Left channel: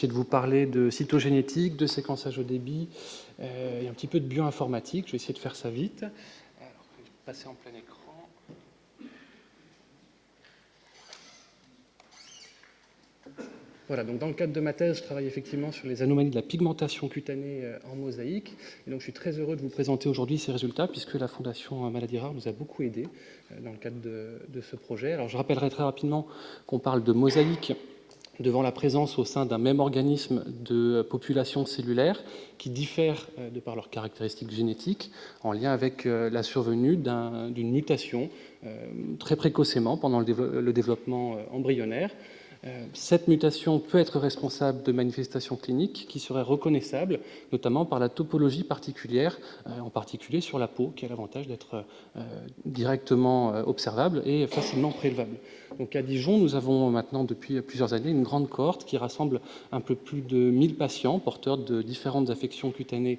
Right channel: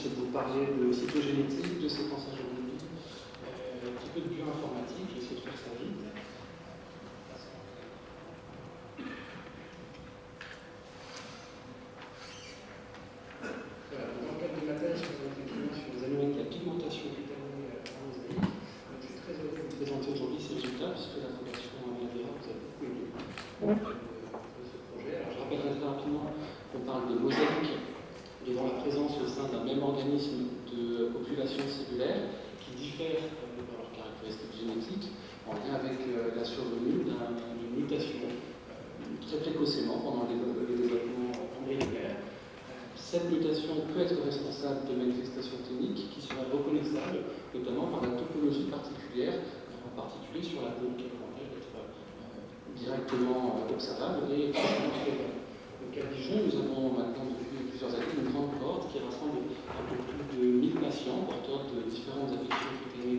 essayer de vous parler de cytogénétique, de séquençage au débit, et un petit peu de bioinformatique. Je vais essayer de faire ça vite. Passer en plein écran. Voilà, donc dans le cadre de ma thèse, je travaille effectivement sur les anomalies de la pigmentation cutanée en mosaïque. Donc je suis très heureux de vous présenter aujourd'hui ces résultats, puisque la Fondation Maladie Rare vous a beaucoup aidé dans le cadre de ce projet. Alors je rappellerai très rapidement qu'on parle de mosaïque devant la présence au sein d'un même organisme de populations cellulaires qui diffèrent de par leurs caractéristiques génétiques, en lien avec la survenue d'une mutation très précocement pendant le développement embryonnaire. Cette mutation peut être responsable de manifestations cliniques qui seraient reconnaissables, notamment par la topologie particulière, en particulier sur la peau, qui a l'avantage d'être directement observable et facilement prélevable. Donc à Dijon, nous avons maintenant depuis plusieurs années une grande cohorte qui rassemble un peu plus de 1000 patients porteurs de différentes affections cutanées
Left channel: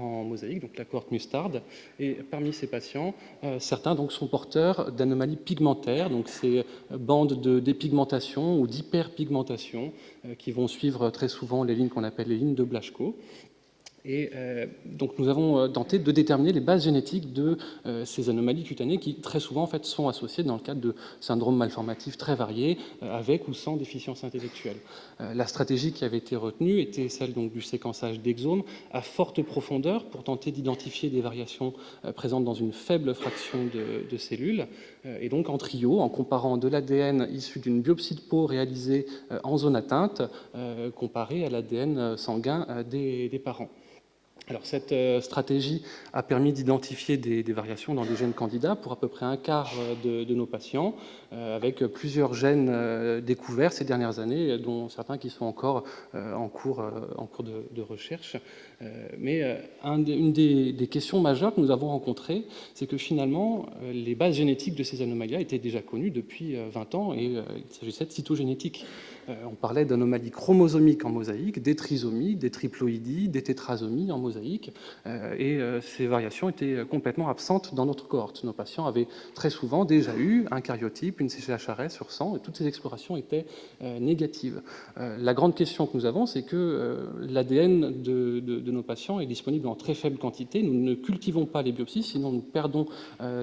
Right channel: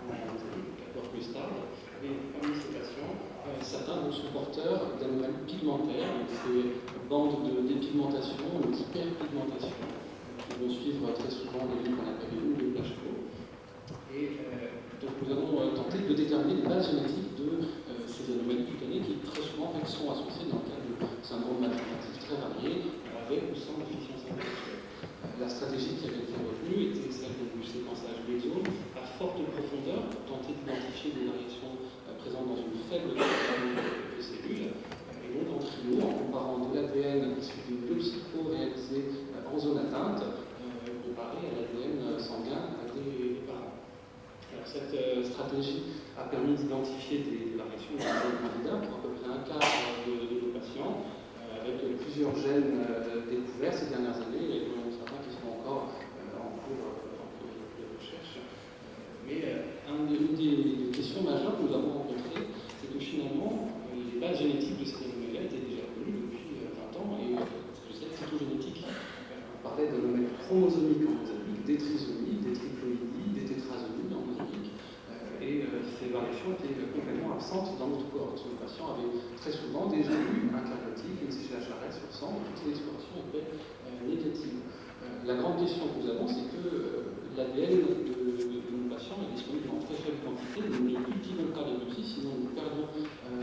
en mosaïque, donc la cohorte Mustard. Et parmi ces patients, certains donc, sont porteurs d'anomalies pigmentaires, donc ces bandes de dépigmentation ou d'hyperpigmentation qui vont suivre très souvent les lignes qu'on appelle les lignes de Blaschko. Et donc nous avons tenté de déterminer les bases génétiques de ces anomalies cutanées qui très souvent en fait, sont associées dans le cadre de syndromes malformatifs très variés avec ou sans déficience intellectuelle. La stratégie qui avait été retenue était celle donc, du séquençage d'exomes à forte profondeur pour tenter d'identifier des variations présentes dans une faible fraction de cellules et donc en trio en comparant de l'ADN issu d'une biopsie de peau réalisée en zone atteinte comparé à l'ADN sanguin des parents. Alors, cette stratégie a permis d'identifier des variations dans des jeunes candidats pour à peu près un quart de nos patients, avec plusieurs gènes découverts ces dernières années, dont certains qui sont encore en cours de recherche. Mais une des questions majeures que nous avons rencontrées, c'est que finalement, les bases génétiques de ces anomalies étaient déjà connues depuis 20 ans et il s'agissait de cytogénétique. On parlait d'anomalies chromosomiques en mosaïque, des trisomies, des triploïdies, des tétrasomies en mosaïque, et ces variations étaient complètement absentes dans notre cohorte. Nos patients avaient très souvent déjà eu un cariotype, une CGHRS sur 100, et toutes ces explorations étaient négatives. La grande question que nous avons, c'est que l'ADN de nos patients est disponible en très faible quantité. Nous ne cultivons pas les biopsies, sinon nous perdons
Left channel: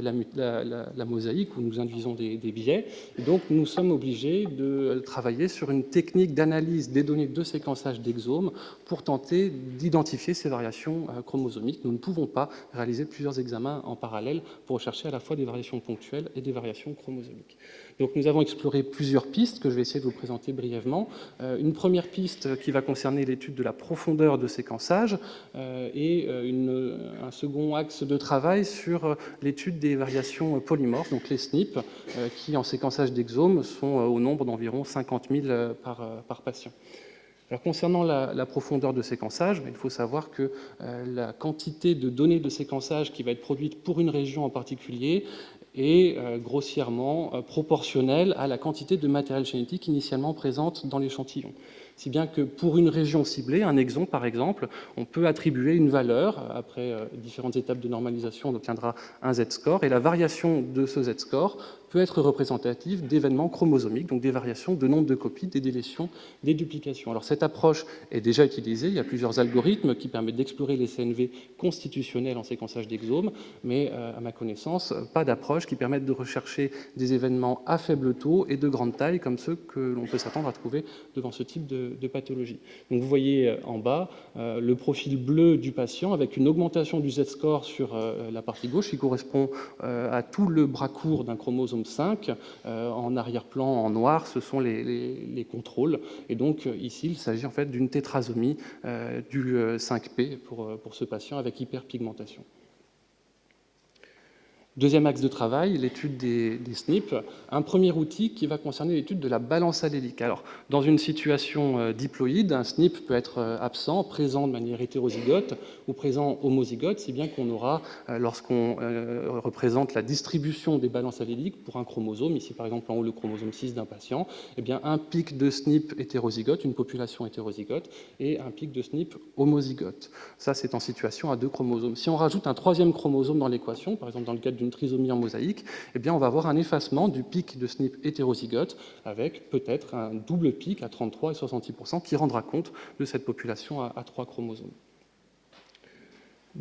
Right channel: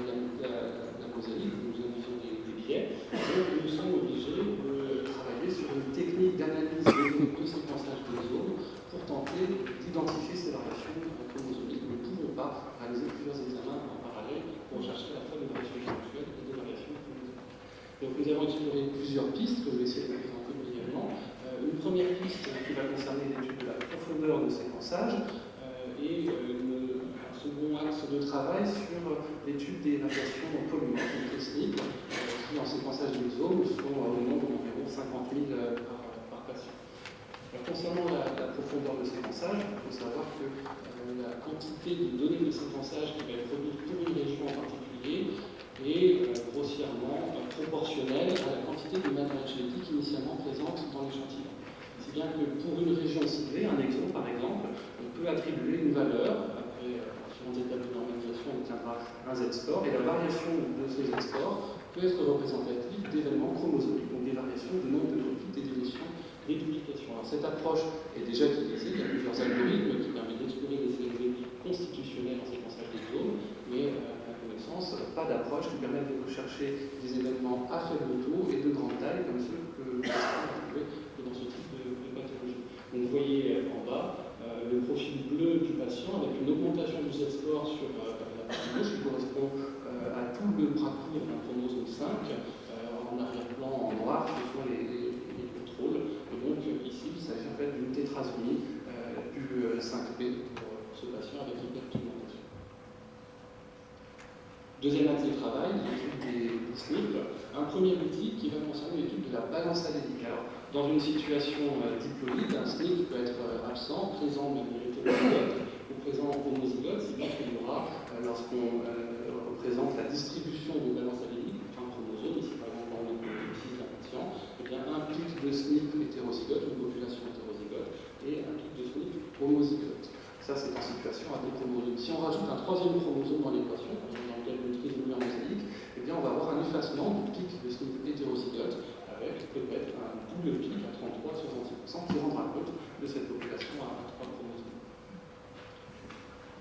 la mosaïque ou nous induisons des biais. Donc nous sommes obligés de travailler sur une technique d'analyse des données de séquençage d'exomes pour tenter d'identifier ces variations chromosomiques. Nous ne pouvons pas réaliser plusieurs examens en parallèle pour rechercher à la fois des variations ponctuelles et des variations chromosomiques. Donc nous avons exploré plusieurs pistes que je vais essayer de vous présenter brièvement. Une première piste qui va concerner l'étude de la profondeur de séquençage et un second axe de travail sur l'étude des variations polymorphes, donc les SNP, qui en séquençage d'exomes sont au nombre d'environ 50 000 par patient. Alors, concernant la profondeur de séquençage, il faut savoir que la quantité de données de séquençage qui va être produite pour une région en particulier est grossièrement proportionnelle à la quantité de matériel génétique initialement présente dans l'échantillon. Si bien que pour une région ciblée, un exome par exemple, on peut attribuer une valeur, après différentes étapes de normalisation, on obtiendra un Z-score, et la variation de ce Z-score peut être représentative d'événements chromosomiques, donc des variations de nombre de copies, des délétions, des duplications. Alors cette approche est déjà utilisée, il y a plusieurs algorithmes qui permettent d'explorer les CNV constitutionnels en séquençage d'exomes, mais à ma connaissance, pas d'approche qui permette de rechercher des événements à faible taux et de grande taille, comme ceux que l'on peut s'attendre à trouver devant ce type de pathologie. Donc vous voyez en bas le profil bleu du patient avec une augmentation du Z-score sur la partie gauche qui correspond à tout le bras court d'un chromosome 5. En arrière-plan, en noir, ce sont les contrôles. Et donc ici, il s'agit en fait d'une tétrasomie du 5P pour ce patient avec hyperpigmentation. Deuxième axe de travail, l'étude des SNP. Un premier outil qui va concerner l'étude de la balance allélique. Alors, dans une situation diploïde, un SNP peut être absent, présent de manière hétérozygote, au présent homozygote, si bien qu'on aura, lorsqu'on représente la distribution des balances alléliques pour un chromosome, ici par exemple en haut le chromosome 6 d'un patient, eh bien un pic de SNP hétérozygote, une population hétérozygote, et un pic de SNP homozygote. Ça, c'est en situation à 2 chromosomes. Si on rajoute un 3e chromosome dans l'équation, par exemple dans le cadre d'une trisomie en mosaïque, eh bien on va avoir un effacement du pic de SNP hétérozygote avec peut-être un double pic à 33 et 66% qui rendra compte de cette population à 3 chromosomes.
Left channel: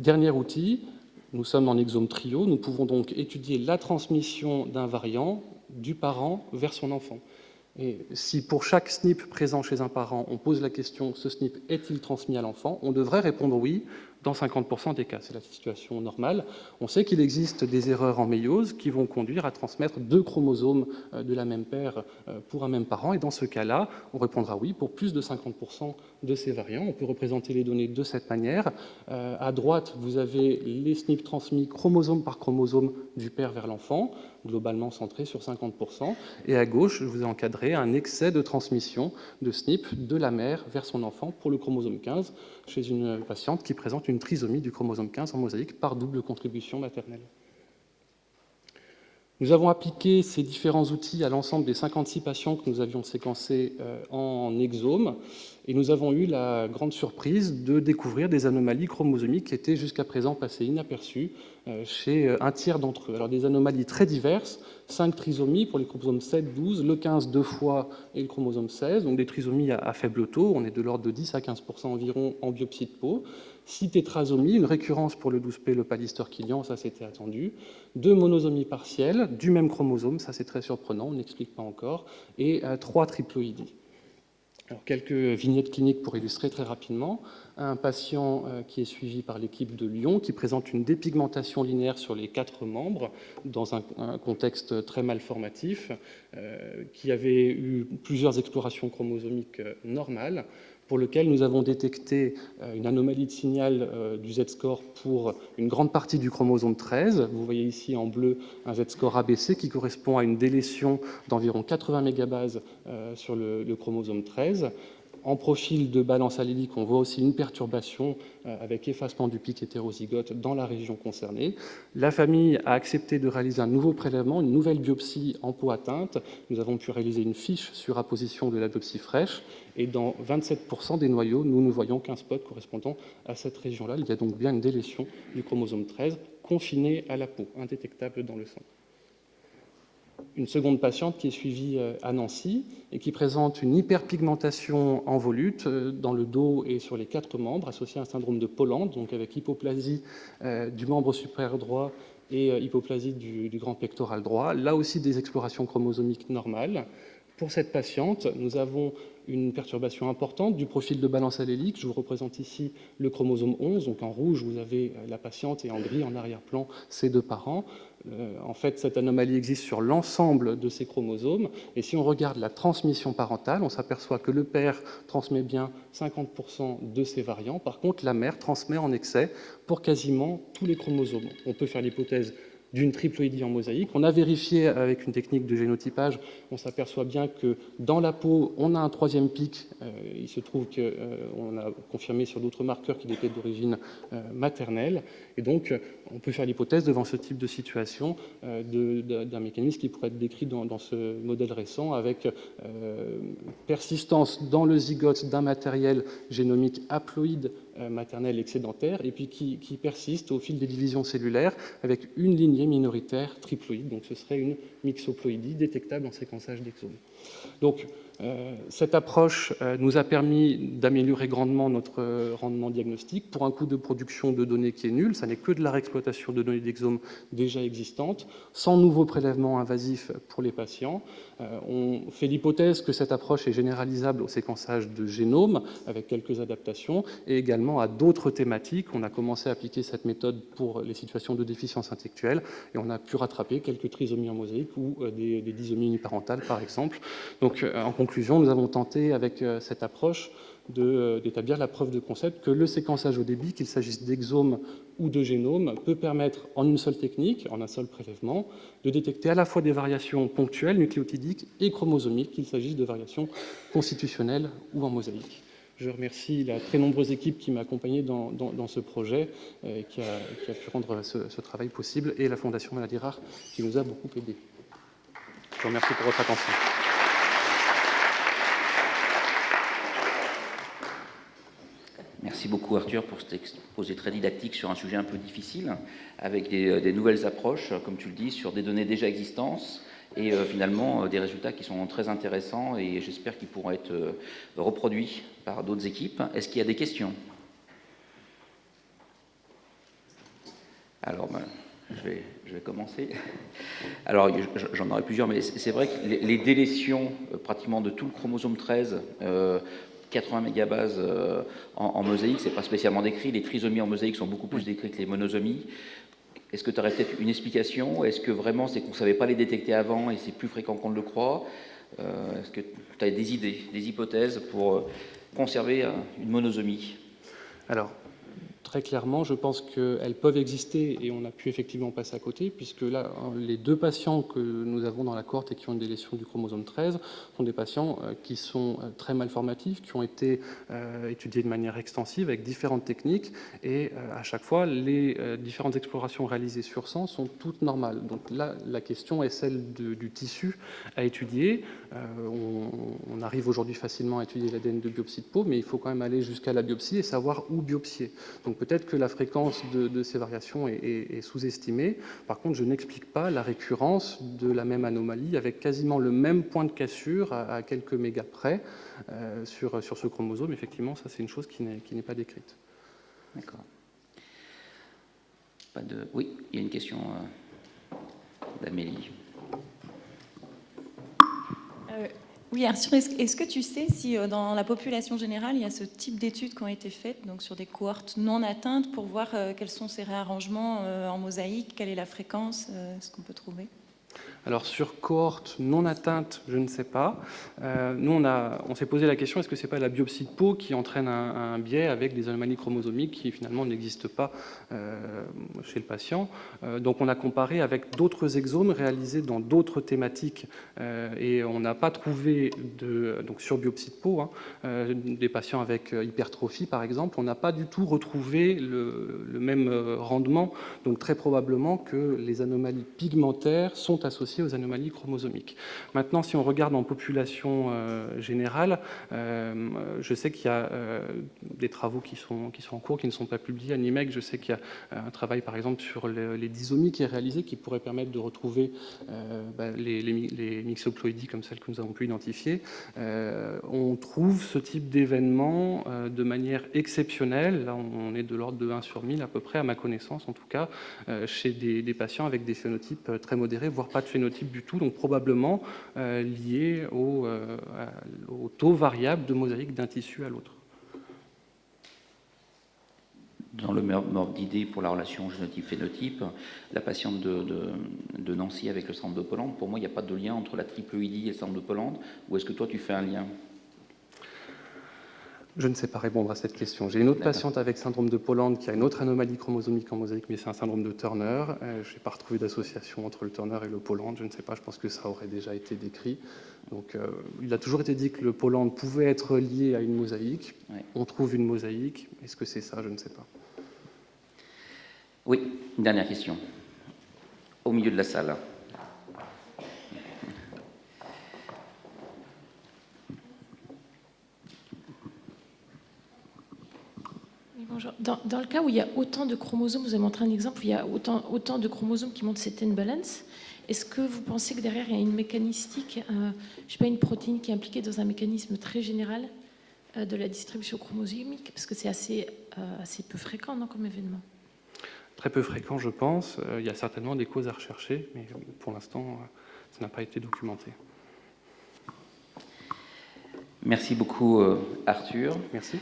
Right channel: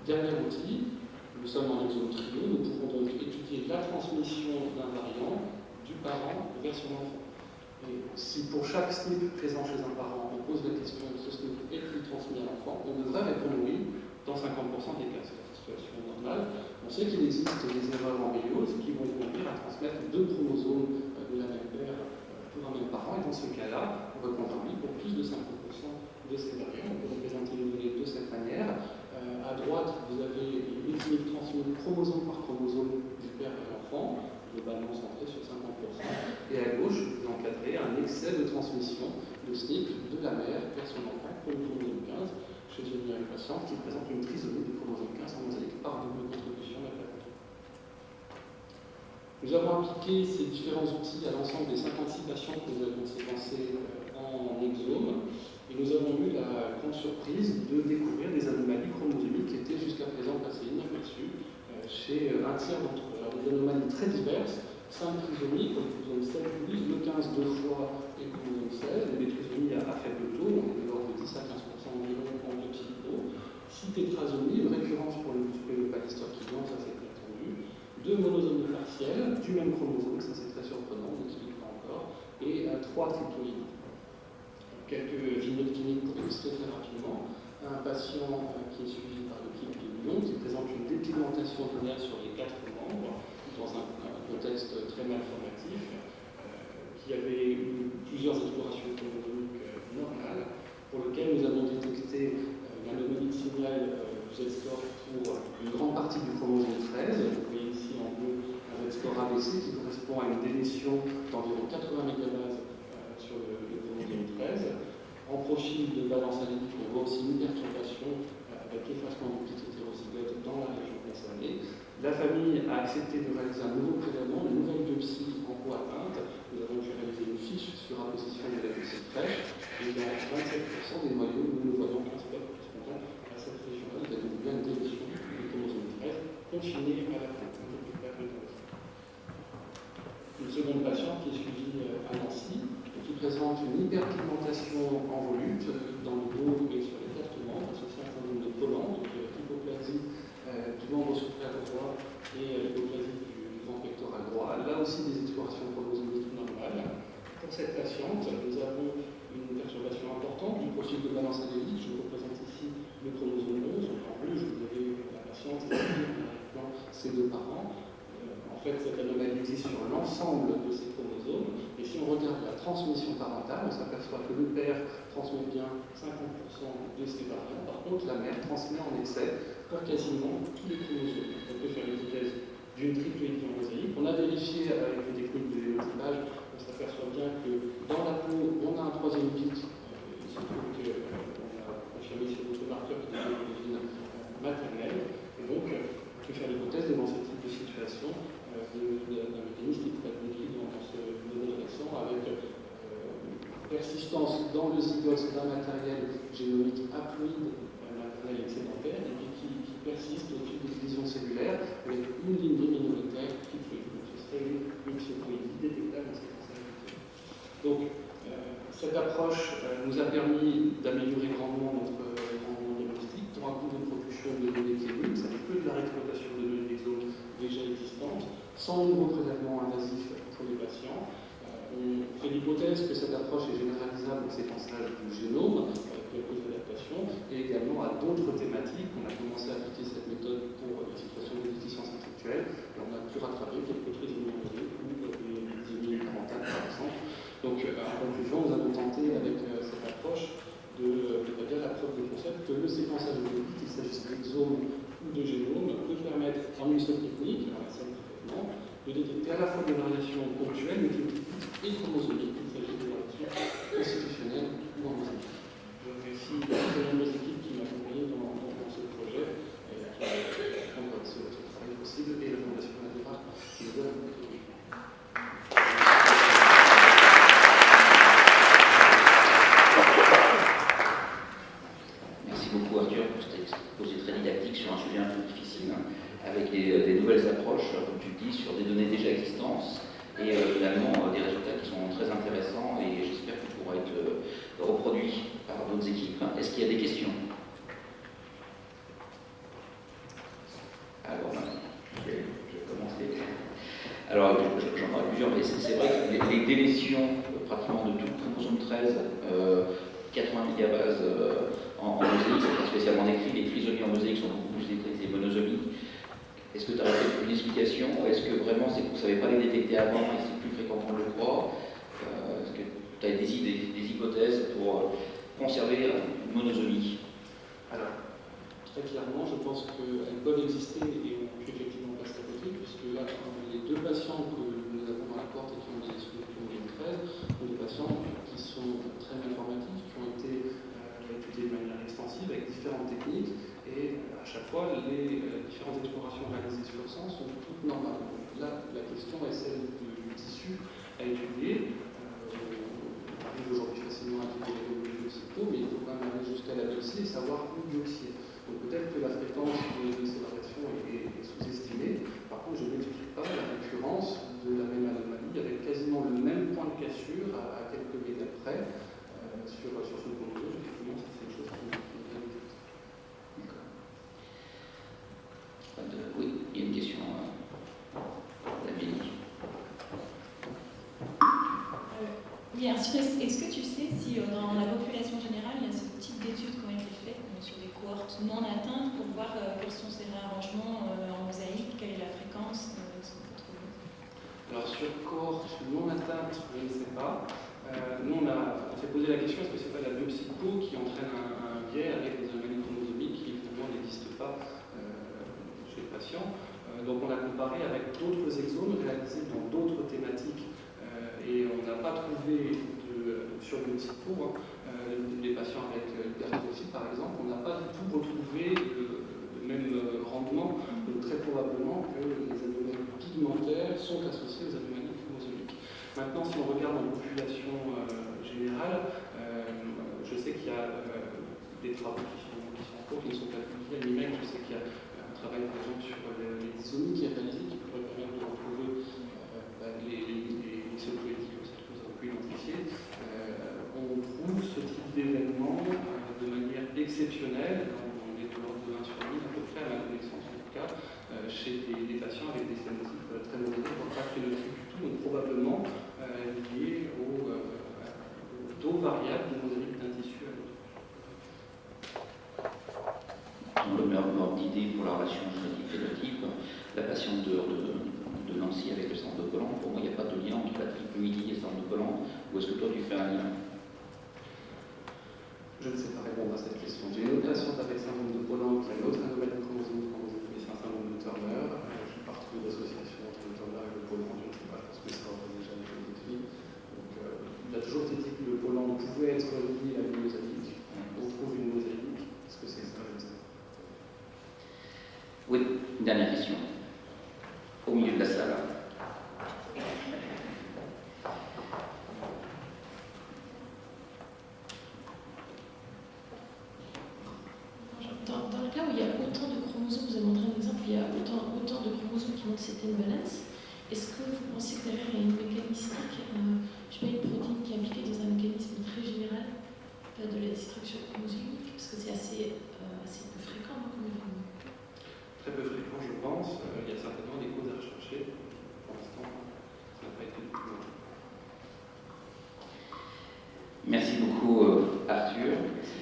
Dernier outil, nous sommes en exome trio, nous pouvons donc étudier la transmission d'un variant du parent vers son enfant. Et si pour chaque SNP présent chez un parent, on pose la question « ce SNP est-il transmis à l'enfant ?», on devrait répondre oui dans 50% des cas. C'est la situation normale. On sait qu'il existe des erreurs en méiose qui vont conduire à transmettre 2 chromosomes de la même paire pour un même parent. Et dans ce cas-là, on répondra oui pour plus de 50% de ces variants. On peut représenter les données de cette manière. À droite, vous avez les SNP transmis chromosome par chromosome du père vers l'enfant, globalement centré sur 50%. Et à gauche, je vous ai encadré un excès de transmission de SNP de la mère vers son enfant pour le chromosome 15 chez une patiente qui présente une trisomie du chromosome 15 en mosaïque par double contribution maternelle. Nous avons appliqué ces différents outils à l'ensemble des 56 patients que nous avions séquencés en exome, et nous avons eu la grande surprise de découvrir des anomalies chromosomiques qui étaient jusqu'à présent passées inaperçues chez un tiers d'entre eux. Alors des anomalies très diverses, 5 trisomies pour les chromosomes 7, 12, le 15 2 fois et le chromosome 16, donc des trisomies à faible taux, on est de l'ordre de 10 à 15% environ en biopsie de peau. 6 tétrasomies, une récurrence pour le 12P, le Pallister-Killian, ça c'était attendu. 2 monosomies partielles du même chromosome, ça c'est très surprenant, on n'explique pas encore. Et 3 triploïdies. Alors, quelques vignettes cliniques pour illustrer très rapidement. Un patient qui est suivi par l'équipe de Lyon, qui présente une dépigmentation linéaire sur les 4 membres, dans un contexte très malformatif, qui avait eu plusieurs explorations chromosomiques normales, pour lequel nous avons détecté une anomalie de signal du Z-score pour une grande partie du chromosome 13. Vous voyez ici en bleu un Z-score ABC qui correspond à une délétion d'environ 80 mégabases sur le chromosome 13. En profil de balance allélique, on voit aussi une perturbation avec effacement du pic hétérozygote dans la région concernée. La famille a accepté de réaliser un nouveau prélèvement, une nouvelle biopsie en peau atteinte. Nous avons pu réaliser une fiche sur apposition de la biopsie fraîche. Et dans 27% des noyaux, nous ne voyons qu'un spot correspondant à cette région-là. Il y a donc bien une délétion du chromosome 13 confinée à la peau, indétectable dans le sang. Une seconde patiente qui est suivie à Nancy et qui présente une hyperpigmentation en volute dans le dos et sur les 4 membres, associée à un syndrome de Pollan, donc avec hypoplasie du membre supérieur droit et hypoplasie du grand pectoral droit. Là aussi des explorations chromosomiques normales. Pour cette patiente, nous avons une perturbation importante du profil de balance allélique. Je vous représente ici le chromosome 11, donc en rouge vous avez la patiente et en gris en arrière-plan ses 2 parents. En fait, cette anomalie existe sur l'ensemble de ces chromosomes, et si on regarde la transmission parentale, on s'aperçoit que le père transmet bien 50% de ces variants, par contre la mère transmet en excès pour quasiment tous les chromosomes. On peut faire l'hypothèse d'une triploïdie en mosaïque. On a vérifié avec une technique de génotypage, on s'aperçoit bien que dans la peau, on a un 3e pic. Il se trouve qu'on a confirmé sur d'autres marqueurs qu'il était d'origine maternelle. Et donc, on peut faire l'hypothèse devant ce type de situation d'un mécanisme qui pourrait être décrit dans ce modèle récent avec persistance dans le zygote d'un matériel génomique haploïde maternel excédentaire et puis qui persiste au fil des divisions cellulaires avec une lignée minoritaire triploïde. Donc ce serait une mixoploïdie détectable en séquençage d'exome. Donc cette approche nous a permis d'améliorer grandement notre rendement diagnostique pour un coût de production de données qui est nul. Ça n'est que de la réexploitation de données d'exome déjà existantes, sans nouveau prélèvement invasif pour les patients. On fait l'hypothèse que cette approche est généralisable au séquençage de génome, avec quelques adaptations, et également à d'autres thématiques. On a commencé à appliquer cette méthode pour les situations de déficience intellectuelle, et on a pu rattraper quelques trisomies en mosaïque ou des dysomies uniparentales, par exemple. Donc, en conclusion, nous avons tenté, avec cette approche, d'établir la preuve de concept que le séquençage allélique, qu'il s'agisse d'exome ou de génome, peut permettre, en une seule technique, en un seul prélèvement, de détecter à la fois des variations ponctuelles, nucléotidiques et chromosomiques, qu'il s'agisse des variations constitutionnelles ou en mosaïque. Je remercie la très nombreuse équipe qui m'a accompagné dans ce projet et qui a pu rendre ce travail possible, et la Fondation Maladies Rares qui nous a beaucoup aidés. Je vous remercie pour votre attention. Merci beaucoup Arthur pour cet exposé très didactique sur un sujet un peu difficile, avec des nouvelles approches, comme tu le dis, sur des données déjà existantes, et finalement des résultats qui sont très intéressants, et j'espère qu'ils pourront être reproduits par d'autres équipes. Est-ce qu'il y a des questions? Alors, je vais commencer. Alors, j'en aurai plusieurs, mais c'est vrai que les délétions pratiquement de tout le chromosome 13, 80 mégabases en mosaïque, c'est pas spécialement décrit. Les trisomies en mosaïque sont beaucoup plus décrites que les monosomies. Est-ce que tu aurais peut-être une explication? Est-ce que vraiment vous ne savez pas les détecter avant et c'est plus fréquent qu'on le croit? Est-ce que tu as des idées, des hypothèses pour conserver une monosomie? Alors, très clairement, je pense qu'elles peuvent exister et on a pu effectivement passer à côté, puisque là, les 2 patients que nous avons dans la cohorte et qui ont une délétion du chromosome 13 sont des patients qui sont très malformatifs, qui ont été étudiés de manière extensive avec différentes techniques, et à chaque fois, les différentes explorations réalisées sur 100 sont toutes normales. Donc là, la question est celle du tissu à étudier. On arrive aujourd'hui facilement à étudier l'ADN de biopsie de peau, mais il faut quand même aller jusqu'à la biopsie et savoir où biopsier. Donc peut-être que la fréquence de ces variations est sous-estimée. Par contre, je n'explique pas la récurrence de la même anomalie avec quasiment le même point de cassure à quelques mégas près sur ce chromosome. Effectivement, ça c'est une chose qui n'est pas décrite. D'accord. Oui, il y a une question d'Amélie. Oui, Arthur, est-ce que tu sais si dans la population générale, il y a ce type d'études qui ont été faites donc sur des cohortes non atteintes pour voir quels sont ces réarrangements en mosaïque, quelle est la fréquence, ce qu'on peut trouver? Alors sur cohorte non atteinte, je ne sais pas. Nous, on s'est posé la question, est-ce que ce n'est pas la biopsie de peau qui entraîne un biais avec des anomalies chromosomiques qui finalement n'existent pas chez le patient. Donc on a comparé avec d'autres exomes réalisés dans d'autres thématiques et on n'a pas trouvé, donc sur biopsie de peau, des patients avec hypertrophie par exemple, on n'a pas du tout retrouvé le même rendement. Donc très probablement que les anomalies pigmentaires sont associées aux anomalies chromosomiques. Maintenant, si on regarde en population générale, je sais qu'il y a des travaux qui sont en cours, qui ne sont pas publiés. À l'IMEC, je sais qu'il y a un travail, par exemple, sur les dysomies qui est réalisé, qui pourrait permettre de retrouver les mixoploïdies comme celles que nous avons pu identifier. On trouve ce type d'événement de manière exceptionnelle. Là, on est de l'ordre de 1 sur 1000 à peu près, à ma connaissance en tout cas, chez des patients avec des phénotypes très modérés, voire pas de phénotype du tout, donc probablement lié au taux variable de mosaïque d'un tissu à l'autre. Dans le ordre d'idée pour la relation génotype-phénotype, la patiente de Nancy avec le centre de Pologne, pour moi, il n'y a pas de lien entre la triploïdie et le centre de Pologne, ou est-ce que toi, tu fais un lien? Je ne sais pas répondre à cette question. J'ai une autre patiente avec syndrome de Pologne qui a une autre anomalie chromosomique en mosaïque, mais c'est un syndrome de Turner. Je n'ai pas retrouvé d'association entre le Turner et le Pologne. Je ne sais pas, je pense que ça aurait déjà été décrit. Donc, il a toujours été dit que le Pologne pouvait être lié à une mosaïque. On trouve une mosaïque. Est-ce que c'est ça? Je ne sais pas. Oui, une dernière question. Au milieu de la salle. Dans le cas où il y a autant de chromosomes, vous avez montré un exemple où il y a autant de chromosomes qui montrent cette imbalance, est-ce que vous pensez que derrière il y a une mécanistique, je sais pas, une protéine qui est impliquée dans un mécanisme très général de la distribution chromosomique? Parce que c'est assez peu fréquent, non, comme événement? Très peu fréquent, je pense. Il y a certainement des causes à rechercher, mais pour l'instant, ça n'a pas été documenté. Merci beaucoup, Arthur. Merci.